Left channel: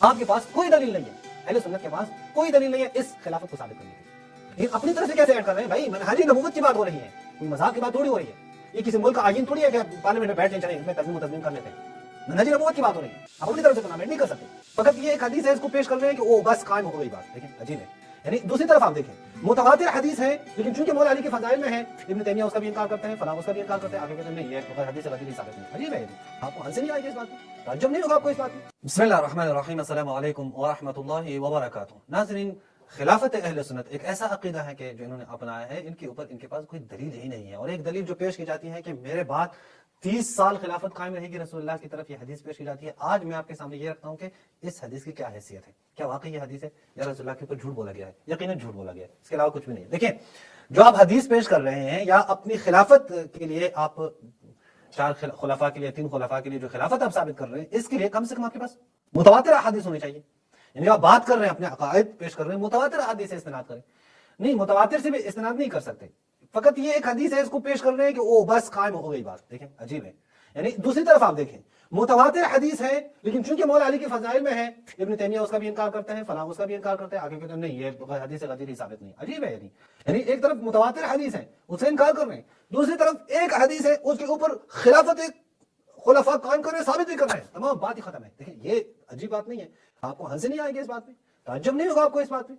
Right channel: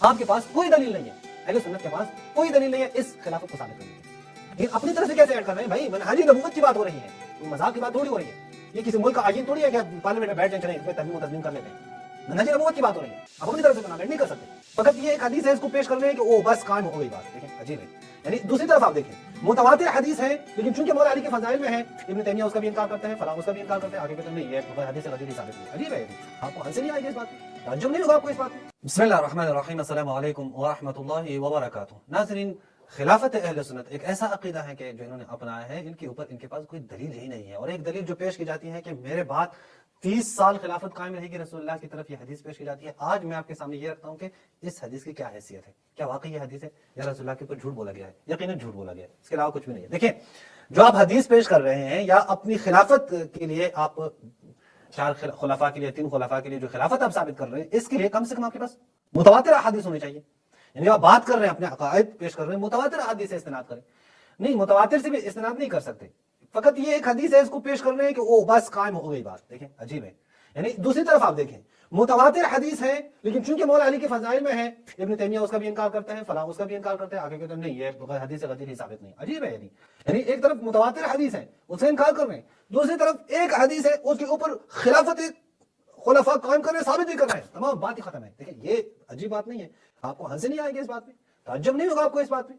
آپ کے پاس کوئی دلیل نہیں ہے, اہل سنت کے پاس کوئی دلیل نہیں ہے اس خلافت کو ثابت کرنے کی. لیکن اپنی طرف سے کیسے ایڈ کر رہے ہیں بھائی؟ منہج نبوت کی بات ہو رہی ہے, کوئی مذاق کی بات تھوڑی ہو رہی ہے. یہ کسی ملک کا آئین تھوڑی ہے کہ پارلیمنٹ میں بیٹھ جائیں چلیں اس میں ترمیم و ترمیم کر لیتے ہیں. منہج نبوت کی بات ہو رہی ہے, آپ اپنی طرف سے کنامنٹ نہیں کر سکتے. فقط یہ ایک حدیث ہے, اس کو پیش کر رہے ہیں کہ وہ بس قائم ہو گئی بات. دیکھیں عجیب ہے. یعنی دوسری طرف آپ دیکھیں متواتر حدیث ہے, لیکن چونکہ مولا علی کے فضائل میں ہے, ابن تیمیہ اس کا بھی انکار کرتے ہیں, فلاں اس کا بھی انکار کرتے ہیں, آگے کہتے ہیں نہیں یہ حدیث غلطی نہیں ثابت نہیں. عجیب ہے. آپ کو ہنسی نہیں آئے گی اس بات میں, تعجب نہیں ہوگا آپ کو اس بات میں. بسم اللہ الرحمن الرحیم. السلام علیکم ورحمۃ اللہ وبرکاتہ. ناظرین, خلافت اہل سنت ایک ایسا عقیدہ ہے کہ جو انہوں نے اپنایا ہے, ان کے اوپر ان کے پاس کوئی دلیل ہی نہیں ہے. اور ایک دلیل جو پیش کی جاتی ہے کہ میرے بعد 30 سال خلافت قائم رہے گی رسول اللہ کی طرف, یہ حدیث پیش کی جاتی ہے. آج میں آپ کے سامنے یہ رکھتا ہوں کہ اس حدیث کی کیا حیثیت ہے, کیا واقعی یہ حدیث ہے یا رسول اللہ کے اوپر جھوٹ بولا گیا ہے. یقیناً جھوٹ بولا گیا ہے, اس کے علاوہ کچھ بھی نہیں ہے. دیکھیں جو آپ حدیث پیش کر رہے ہیں یا اپنی خلافت کے لیے آپ 4 خلفاء کے لیے 3 خلفاء کے لیے جو خلافت آپ ثابت کر رہے ہیں, اس کے لیے کم سے کم آپ کے پاس متواتر احادیث ہونی چاہیے. یعنی آپ بات کر رہے ہیں اپنے عقائد پیش کر رہے ہیں, متواتر احادیث سے استناد کریں. نہیں, متواتر سے بھی استناد نہیں کر سکتے, فقط یہ ایک حدیث ہے اس کو پیش کر رہے ہیں کہ وہ بس قائم ہو گئی بات. دیکھیں عجیب ہے. یعنی دوسری طرف آپ دیکھیں متواتر حدیث ہے, لیکن چونکہ مولا علی کے فضائل میں ہے, ابن تیمیہ اس کا بھی انکار کرتے ہیں, فلاں اس کا بھی انکار کرتے ہیں, آگے کہتے ہیں نہیں یہ حدیث غلطی نہیں ثابت نہیں. عجیب ہے. یعنی ایک طرف متواتر حدیث ہے اس سے انکار کر رہے ہیں, دوسری طرف ایک حدیث ہے اس کے اوپر خلافت خلفاء قائم کر رہے ہیں, ثابت بھی کر رہے ہیں, تمام بات ہی ختم ہے. دیکھیں یہ عجیب بات نہیں ہے, آپ کو ہنسی نہیں آئے گی اس بات میں, تعجب نہیں ہوگا آپ کو اس بات میں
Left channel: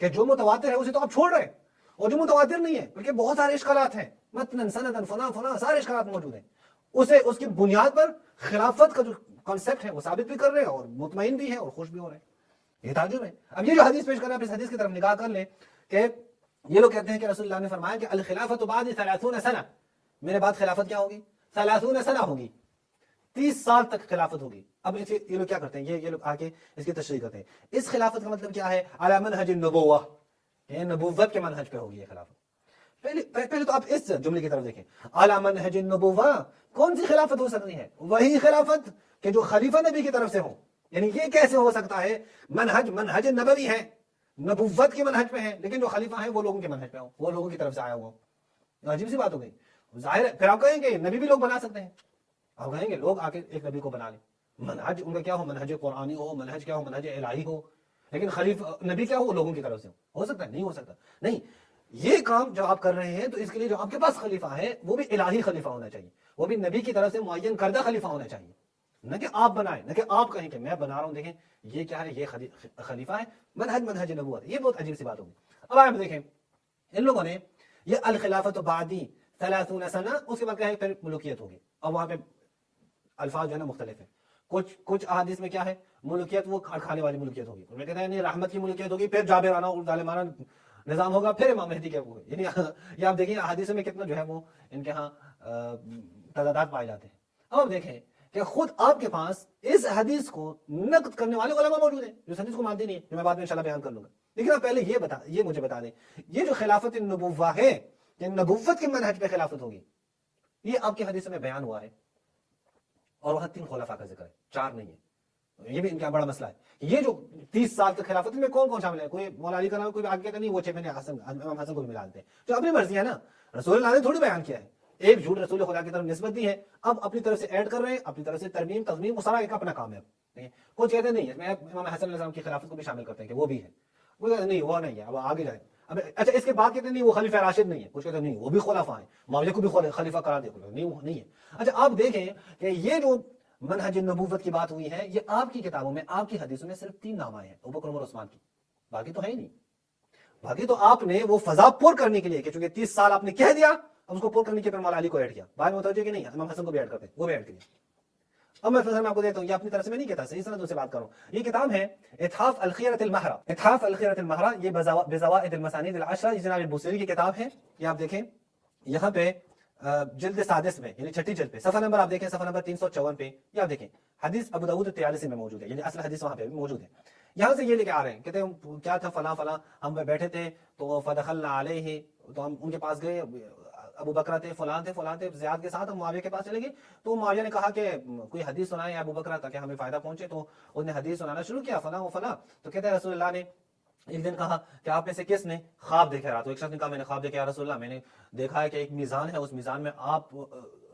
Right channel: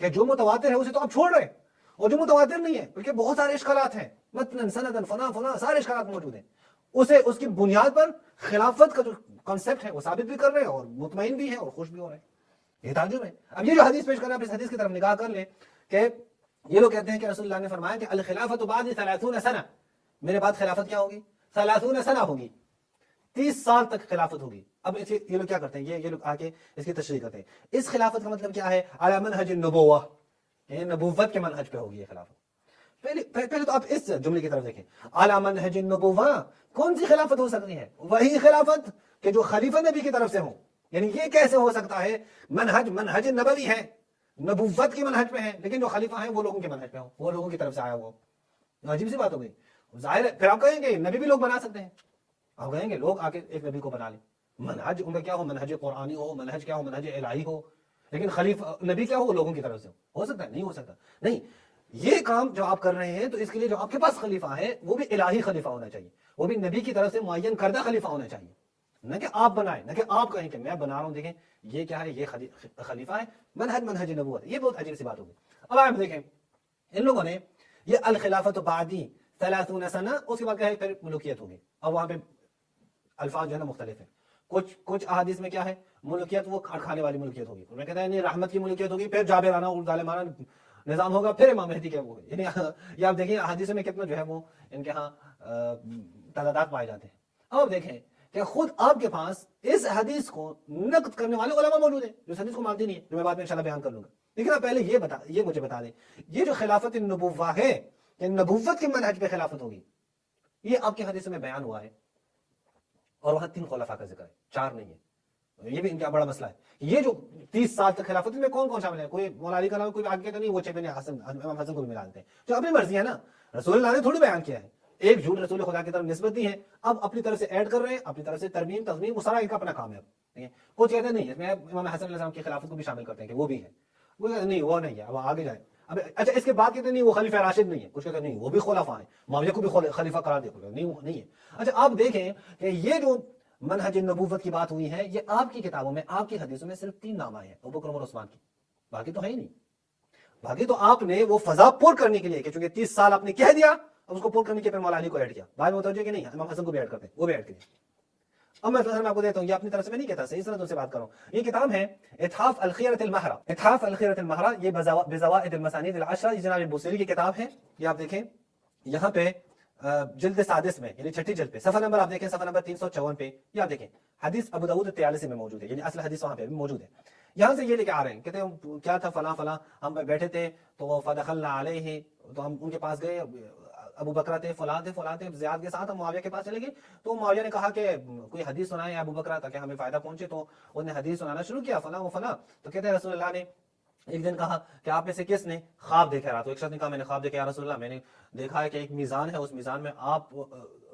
کہ جو متواتر ہے اسے تو آپ چھوڑ رہے ہیں, اور جو متواتر نہیں ہے بلکہ بہت سارے اشکالات ہیں, متن سندن فلاں سارے اشکالات موجود ہیں, اسے اس کی بنیاد پر خلافت کا جو کانسیپٹ ہے وہ ثابت بھی کر رہے ہیں اور مطمئن بھی ہیں اور خوش بھی ہو رہے ہیں. یہ تعجب ہے. اب یہ جو حدیث پیش کر رہے ہیں, آپ اس حدیث کی طرف نگاہ کر لیں کہ یہ لوگ کہتے ہیں کہ رسول اللہ نے فرمایا کہ الخلافت بعد 30 سنہ, میرے بعد خلافت کیا ہوگی؟ 30 سنہ ہوگی, 30 سال تک خلافت ہوگی. اب یہ لوگ کیا کرتے ہیں, یہ لوگ آگے اس کی تشریح کرتے ہیں. اس خلافت کا مطلب کیا ہے؟ علی منہج النبوہ, کہ نبوت کے منہج پہ ہوگی یہ خلافت. پہلے تو آپ اس جملے کی طرف دیکھیں, علی منہج النبوہ, کون سی خلافت ہو سکتی ہے؟ وہی خلافت کہ جو خلیفہ نبی کی طرف سے ہو. یعنی یہ کیسے ہو سکتا ہے؟ منہج نبوی ہے, نبوت کی منہج پہ ہے, لیکن جو خلیفہ ہے وہ لوگوں کے منہج پہ ہو, وہ لوگوں کی طرف سے آیا ہو. عجیب سی بات ہو گئی. ظاہر ہے پھر آپ کہیں گے نبی بھی لوگ بنا سکتے ہیں, آپ کہیں گے لوگ آ کے ایک نبی کو بنا لیں, منہج ان کا کیا ہو, منہج قرآنی ہو, منہج کیا ہو, منہج الہی ہو, لیکن خلیفہ نبی کیا ہو, لوگوں کی طرف سے ہو سکتا ہے؟ نہیں ہو سکتا. نہیں, یہ کام جو آپ کر رہے ہیں تو اس کے لیے جو آپ کے پاس خلیفہ ہے وہ بھی الہی خلیفہ ہونا چاہیے, وہ بھی نبی کی طرف سے معین کردہ خلیفہ ہونا چاہیے, نہ کہ آپ بنائیں, نہ کہ آپ کہیں کہ میں بنا رہا ہوں. دیکھیں یہ کیا ہے, یہ خلیفہ ہے, منہج نبوت. یہ بہت عجیب سی بات ہوگی. اب آپ دیکھیں ان لوگوں نے یہ الخلافت بعدی 30 سنہ, اس کے بعد کیا ہے پھر ملوکیت ہوگی. اب وہاں پہ الفاظ جو ہے نا مختلف ہیں. کچھ احادیث میں کیا ہے, ملوکیت وہ کھانے والی ملوکیت ہوگی, میں کہتا ہے نہیں رحمت کی ملوکیت ہوگی, پھر جابرانہ اور ظالمانہ نظام ہوگا, پھر امام مہدی کے وہ. یعنی یہ آپ دیکھیں احادیث میں کتنا جو ہے وہ ان کے ہاں تضادات پائے جاتے ہیں. اب آپ دیکھیں کہ خود آپ کے پاس اس حدیث کو نقد کرنے والے علماء موجود ہیں جو اس حدیث کو مانتے نہیں ہیں, جو میں بعد میں انشاءاللہ بیان کر لوں گا. لیکن آپ پہلے یہ مجھے بتا دیں, یہ جو خلافت النبوہ ہے, یہ نبوت کی منہج پہ خلافت ہوگی, یہ آپ کی حدیث میں بیان ہوا ہے, اور وہاں 3 خلفاء کا ذکر ہے, 4 نہیں ہے. یہ بھی ان کا بڑا مسئلہ ہے. یہ جو 30 سال تک خلافت میں کون کون شامل ہے؟ کوئی مولا علی کا نام, کوئی آگے کہتے نہیں وہ چھ بن حسن, امام حسن کو بھی ملا دیتے ہیں, جو اپنی مرضی ہے نا, رسول اللہ نے تھوڑی بیان کیا ہے, ایک جھوٹ رسول خدا کی طرف نسبت دی ہے, اب اپنی طرف سے ایڈ کر رہے ہیں, اپنی طرف سے ترمیم تضمین وہ سارا ایک اپنا کام ہے. کچھ کہتے نہیں ہے میں امام حسن علیہ السلام کی خلافت کو بھی شامل کرتے ہیں کہ وہ بھی ہے, وہ نہیں وہ نہیں ہے, اب آگے جائیں. اب اچھا اس کے بعد کہتے نہیں وہ خلیفہ راشد نہیں ہے, کچھ کہتے نہیں وہ بھی خلفاء ہیں, معاویہ کو بھی خلیفہ قرار دیا, نہیں وہ نہیں ہے. اچھا آپ دیکھیں کہ یہ جو منہج نبوت کی بات ہوئی ہے, یہ آپ کی کتابوں میں, آپ کی حدیثوں میں صرف 3 نام آئے ہیں, ابوبکر عمر عثمان کی, باقی تو ہے ہی نہیں. باقی تو آپ نے وہ فضا پور کرنے کے لیے کہ چونکہ 30 سال آپ نے کہہ دیا, اب اس کو پور کرنے کے پھر مولا علی کو ایڈ کیا. بعد میں متوجہ کہ نہیں امام حسن کو بھی ایڈ کرتے, وہ بھی ایڈ کیا. اب میں آپ کو دیتا ہوں, یہ اپنی طرف سے میں نہیں کہتا, صحیح سنت ان سے بات کروں. یہ کتاب ہے اتحاف الخیرۃ المہرہ, اتحاف الخیرۃ المہرہ, یہ بزوائد المسانید العشرہ, یہ جناب البوصیری کی کتاب ہے. یہ آپ دیکھیں یہاں پہ جلد 6 میں, یعنی 6 جلد پہ, صفحہ نمبر آپ دیکھیں, صفحہ نمبر 354 پہ, یہ آپ دیکھیں حدیث ابو داؤد 43 میں موجود ہے, یعنی اصل حدیث وہاں پہ موجود ہے. یہاں سے یہ لے کے آ رہے ہیں, کہتے ہیں کیا تھا فلاں فلاں, ہم پہ بیٹھے تھے تو فدخلنا علیہ, تو ہم ان کے پاس گئے, ابو بکر تھے فلاں تھے زیاد کے ساتھ, ہم معاویہ کے پاس چلے گئے, تو معاویہ نے کہا کہ کوئی حدیث سنائیں ابو بکر تاکہ ہمیں فائدہ پہنچے, تو انہوں نے حدیث سنانا شروع کیا فلاں و فلاں. تو کہتے ہیں رسول اللہ نے ایک دن کہا کہ آپ میں سے کس نے خواب دیکھا رہا, تو ایک شخص نے کہا میں نے خواب دیکھا یا رسول اللہ, میں نے دیکھا ہے کہ ایک میزان ہے, اس میزان میں آپ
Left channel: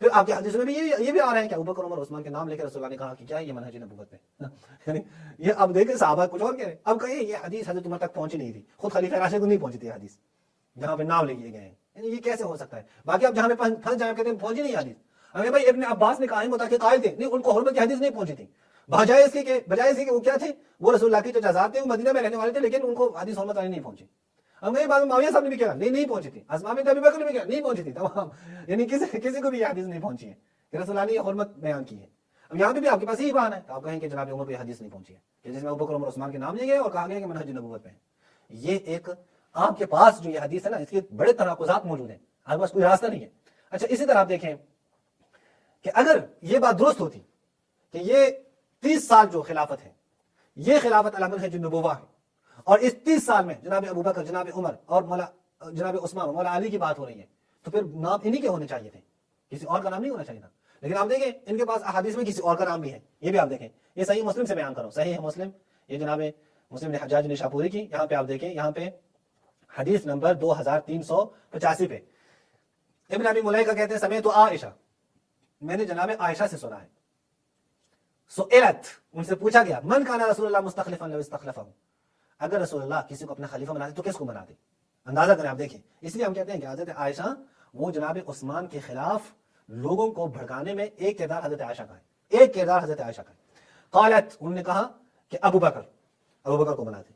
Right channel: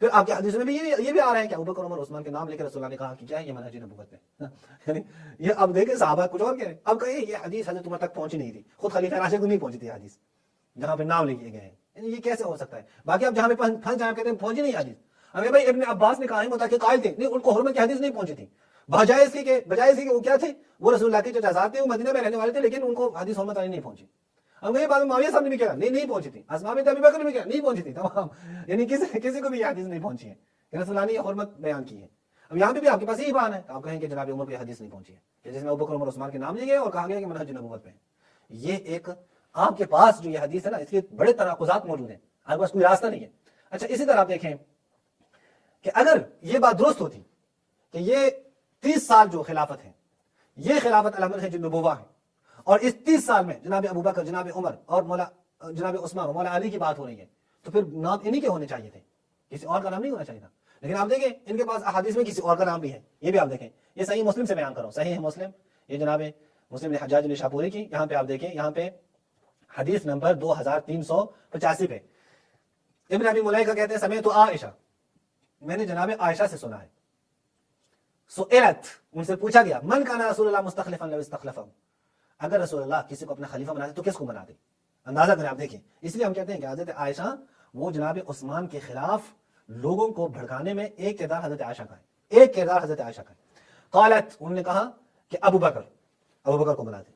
پھر آپ کے حدیث میں بھی یہ بھی آ رہا ہے کہ ابوبکر عمر عثمان کے نام لے کے رسول اللہ نے کہا کہ کیا ہے یہ منہج نبوت ہے. یعنی یہ اب دیکھیں صحابہ کچھ اور کہہ رہے ہیں. اب کہیں یہ حدیث حضرت عمر تک پہنچی نہیں تھی, خود خلیفہ راشد کو نہیں پہنچی تھی حدیث جہاں پہ نام لیے گئے ہیں. یہ کیسے ہو سکتا ہے؟ باقی اب جہاں پہ پھنس جہاں کہتے ہیں پہنچی نہیں حدیث. اگر بھائی ابن عباس نے کہا ہے متأخر قائل تھے, نہیں ان کو حرمت کی حدیث نہیں پہنچی تھی, بجائے اس کے وہ کیا تھے, وہ رسول اللہ کے چچا تھے, وہ مدینہ میں رہنے والے تھے, لیکن ان کو حدیث حرمت والی نہیں پہنچی. اب بعد میں معاویہ صاحب نے بھی کہا نہیں پہنچی تھی, اسماء بنت ابی بکر نے بھی کہا نہیں پہنچی تھی, تمام یعنی کسی کو بھی یہ حدیث نہیں پہنچی ہے کہ رسول اللہ نے حرمت بیان کی ہے. اب یہاں پہ بھی آپ کے پاس یہی بات ہے, آپ کہیں کہ جناب عمر کو یہ حدیث نہیں پہنچی ہے جس میں ابوبکر عمر عثمان کے نام لیے گئے اور کہا گیا کہ منہج نبوت پہ ہے. یہ ایک آپ کے پاس جو یہ حدیث ہے نا, اس کے بڑے تناقضات موجود ہیں, آپ کے پاس کوئی راستہ نہیں ہے. اچھا اسی طرح آپ دیکھیں کہ اگر یہ بات درست ہوتی کہ یہ 30 سال جو خلافت ہے یہ خلافت المنہج النبوہ ہے, اور اس 30 سال میں جناب ابوبکر, جناب عمر اور جناب عثمان اور مولا علی کی بات ہو رہی ہے, تو پھر نام انہی کے ہونے چاہیے تھے, کسی اور کا نام نہیں ہونا چاہیے تھا. لیکن آپ دیکھیں ان کے پاس احادیث میں کسی اور کا نام بھی ہے. یہ بھی آپ دیکھیں, یہ صحیح مسلم سے بیان کرو, صحیح مسلم, یہ جناب مسلم نے حجاج نشاپوری کی, یہاں پہ آپ دیکھیں, یہاں پہ حدیث نمبر 2385 پہ ابن ابی ملیکہ کہتے ہیں سمیعت عائشہ, میں نے جناب عائشہ سے سنا ہے, سئلت, ان سے پوچھا گیا, من کان رسول اللہ مستخلفا لو استخلفہ, اگر رسول اللہ کسی کو اپنا خلیفہ بناتے تو کس کو بناتے؟ اندازہ کریں آپ دیکھیں. اس لیے ہم کہتے ہیں کہ حضرت عائشہ وہ جناب عثمان کے خلاف لوگوں کو بھڑکانے میں ایک کردار حضرت عائشہ کا ہے, ایک کردار حضرت عائشہ کا ہے. قالت, انہوں نے کہا کہ ابو بکر کو بناتے.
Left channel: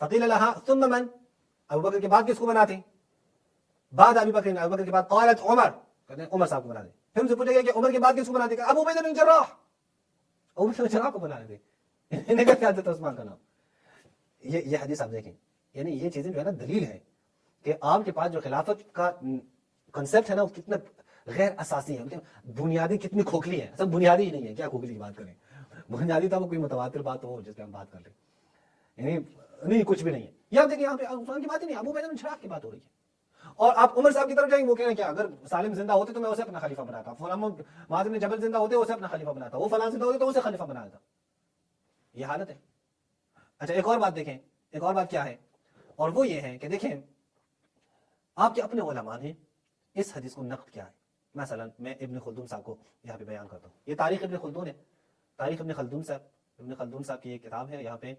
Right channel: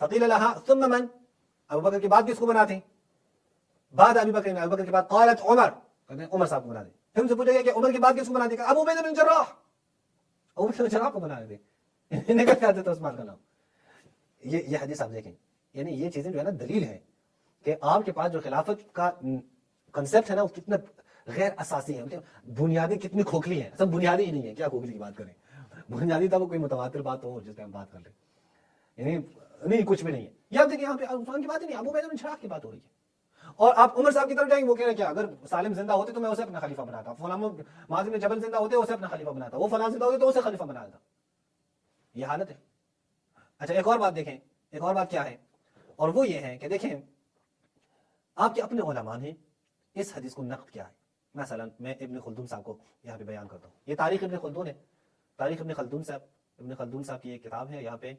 فقیل لها ثم من, ابو بکر کے بعد کس کو بناتے؟ بعد ابی بکر کے بعد قالت عمر, کہتے ہیں عمر صاحب کو بناتے. پھر ان سے پوچھا گیا کہ عمر کے بعد کس کو بناتے؟ ابو عبیدہ بن جراح, ابو عبیدہ بن جراح کو بنا دیتے. انہیں کا کیا حضرت عثمان کا نام. یہ حدیث آپ دیکھیں, یعنی یہ چیزیں جو ہے نا دلیل ہے کہ آپ کے پاس جو خلافت کا کنسپٹ ہے نا وہ کتنا غیر اساسی ہے, بنیادی کتنی کھوکھلی ہے. سب بنیادی ہی نہیں ہے, کیا کھوکھلی کی بات کریں, بنیادی تھا وہ کوئی متواتر بات ہو جس پہ ہم بات کر لیں, یعنی نہیں کچھ بھی نہیں ہے. یہ آپ دیکھیں یہاں پہ عثمان کی بات ہی نہیں, ابو عبیدہ بن جراح کی بات ہو رہی ہے. اور آپ عمر صاحب کی طرف جائیں گے, وہ کہہ رہے ہیں کہ اگر سالم زندہ ہوتے تو میں اسے اپنا خلیفہ بناتا, فلاں معاذ بن جبل زندہ ہوتے اسے اپنا خلیفہ بناتا, وہ فلاں زندہ ہوتے تو اسے خلیفہ بنا دیتا. یہ حالت ہے. اچھا ایک اور بات دیکھیں, ایک اور بات کیا ہے, اور وہ یہ ہے کہ دیکھیں آپ کے اپنے علماء نے اس حدیث کو نقد کیا ہے. مثلا میں ابن خلدون صاحب کو یہاں پہ بیان کرتا ہوں, یہ تاریخ ابن خلدون ہے, تاریخ ابن خلدون صاحب کی ایک کتاب ہے, یہاں پہ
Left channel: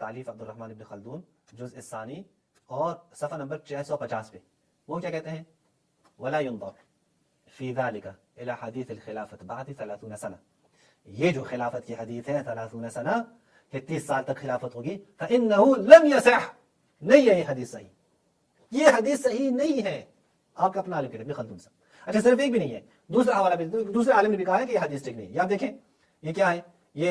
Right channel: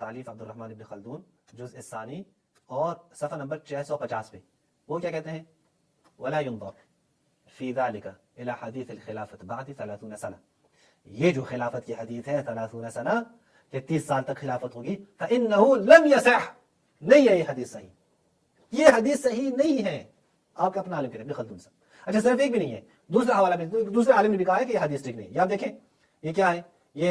تالیف عبد الرحمن ابن خلدون جزء الثانی اور صفحہ نمبر 650 پہ وہ کیا کہتے ہیں, ولا ينظر في ذلك الى حديث الخلافة بعد 30 سنة, یہ جو خلافت کی حدیث ہے 30 سنہ کہ 30 سال تک خلافت ہوگی, فإنه لم يصح, نہیں ہے یہ حدیث صحیح, یہ حدیث صحیح نہیں ہے. آپ کا اپنا عالم کہتے ہیں خلدون صاحب. اچھا صرف ایک بھی نہیں ہے, دوسرا حوالہ بھی, دوسرے عالم نے بھی کہا ہے کہ یہ حدیث ٹھیک نہیں. یہاں دیکھیں یہ کیا ہے, یہ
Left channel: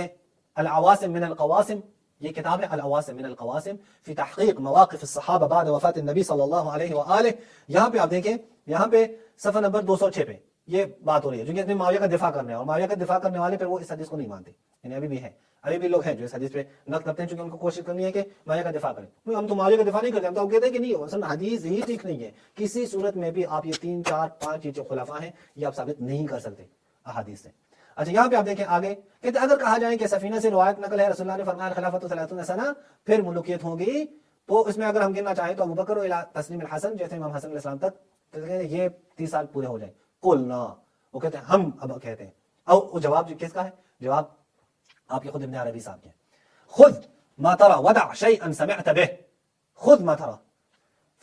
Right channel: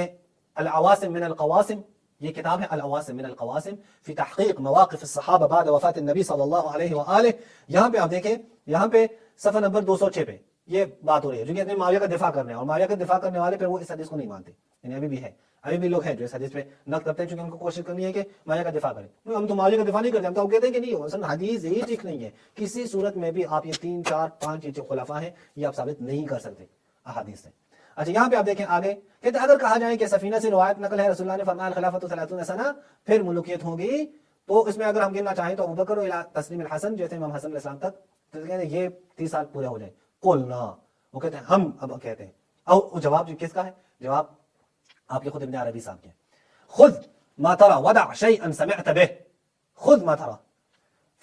العواصم من القواسم, یہ کتاب ہے العواصم من القواسم فی تحقیق مواقف الصحابہ بعد وفات النبی صلی اللہ علیہ وآلہ. یہاں پہ آپ دیکھیں, یہاں پہ صفحہ نمبر 206 پہ یہ بات ہو رہی ہے, جو کہ معاویہ کا دفاع کرنے, اور معاویہ کا دفاع کرنے والے پہ وہ اس حدیث کو نہیں مانتے. یعنی ابھی بھی ہے, ابھی بھی لوگ ہیں جو اس حدیث پہ نقد کرتے ہیں, چونکہ ان کو کوشش کرنی ہے کہ معاویہ کا دفاع کریں. ہم تو معاویہ کا دفاع نہیں کرتے, ہم تو کہتے ہیں کہ نہیں ہو, اصل حدیث ہی ٹھیک نہیں ہے. کسی صورت میں بھی آپ یہ 3 4 5 یہ جو خلفاء ہیں یہ آپ ثابت نہیں کر سکتے احادیث سے. اچھا یہاں پہ آپ دیکھیں آگے کہتے ہیں اگر کہا جائے کہ سفینہ سے روایت نقل ہے, رسول اللہ نے فرمایا خلافت 30 سنہ پھر ملوکیت ہوگی, تو اس میں اگر ہم گننا چاہیں تو ابوبکر الی تسلیم الحسن, جیسے امام حسن علیہ السلام تک, تو کہتے ہیں یہ 30 سال پورے ہو جائیں. قلنا, وہ کہتے ہیں ہم اب کہتے ہیں, اور جواب جو کس کا ہے, جواب آپ کے خود ابن عربی صاحب کے, خذ ما ترى ودع شيئا سمعت به, خذ ما ترى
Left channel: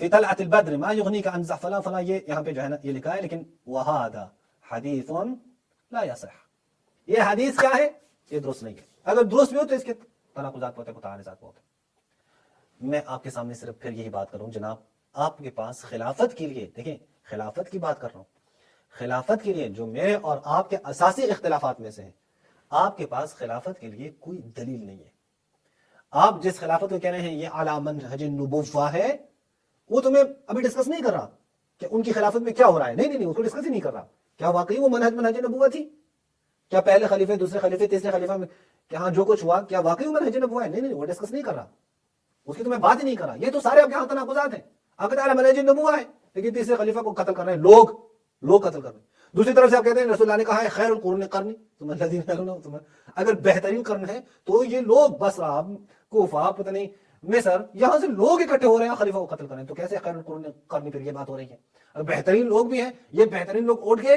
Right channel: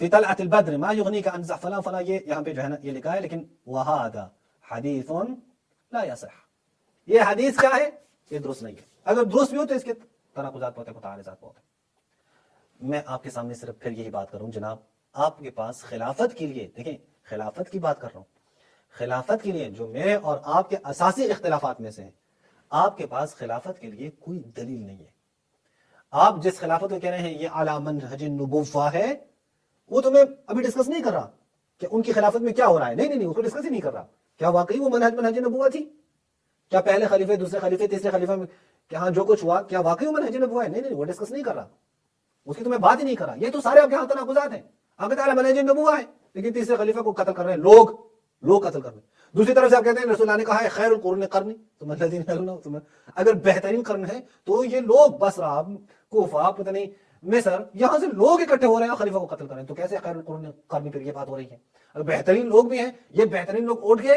في طلعة البدر ما يغنيك عن زحفنا فلا, یہ یہاں پہ جو ہے نا یہ لکھا ہے, لیکن وهذا حدیث لا يصح, یہ حدیث کیا ہے, یہ درست نہیں ہے. اگر درست بھی ہو تو اس کے تناقضات ہوتے ہیں, متعارضات ہوتے ہیں. میں آپ کے سامنے صرف پھر یہی بات کروں جناب, آپ کے پاس خلافت کے لیے, دیکھیں خلافت کی بات کر رہا ہوں, خلافت کے لیے جو میرے اور آپ کے اساسی اختلافات میں سے ہیں, آپ کے پاس خلافت کے لیے کوئی دلیل نہیں ہے. آپ جس خلافت کو کہہ رہے ہیں یہ علی منہج النبوہ ہے, وہ تو میں ابھی ڈسکس نہیں کر رہا کہ ان کی خلافت میں کیا ہو رہا ہے, نہیں اس کو ڈسکس ہی نہیں کر رہا. کیا واقعی وہ منہج نبوہ تھی؟ کیا پہلے خلیفے, دوسرے خلیفے, تیسرے خلیفہ میں کیا جو کچھ ہوا کیا واقعی وہ منہج نبوہ ہے؟ نہیں وہ ڈسکس نہیں کر رہا, اس کی تو میں بات ہی نہیں کر رہا. یہ تو سارے آپ کے یہاں تناقضات ہیں. آپ کہتے ہیں منہج نبوہ ہے, لیکن تیسرے خلیفہ کو قتل کر رہے ہیں لوگ قتل کر رہے ہیں. دوسری طرف سے آپ کہتے ہیں رسول اللہ نے کہا ہے خیر القرون قرنی, اگر بہترین قرن ہے تو یہ لوگ بصرہ, کوفہ, پتہ نہیں مصر, یہاں سے لوگ اکٹھے ہو رہے ہیں خلیفہ کو قتل کر رہے ہیں, تو کیسے خیر القرون قرنی پھر یہ بات ہو رہی ہے؟ اگر بہترین لوگ بھی ہیں, یہ بہترین لوگ اٹھ کے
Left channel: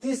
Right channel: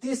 30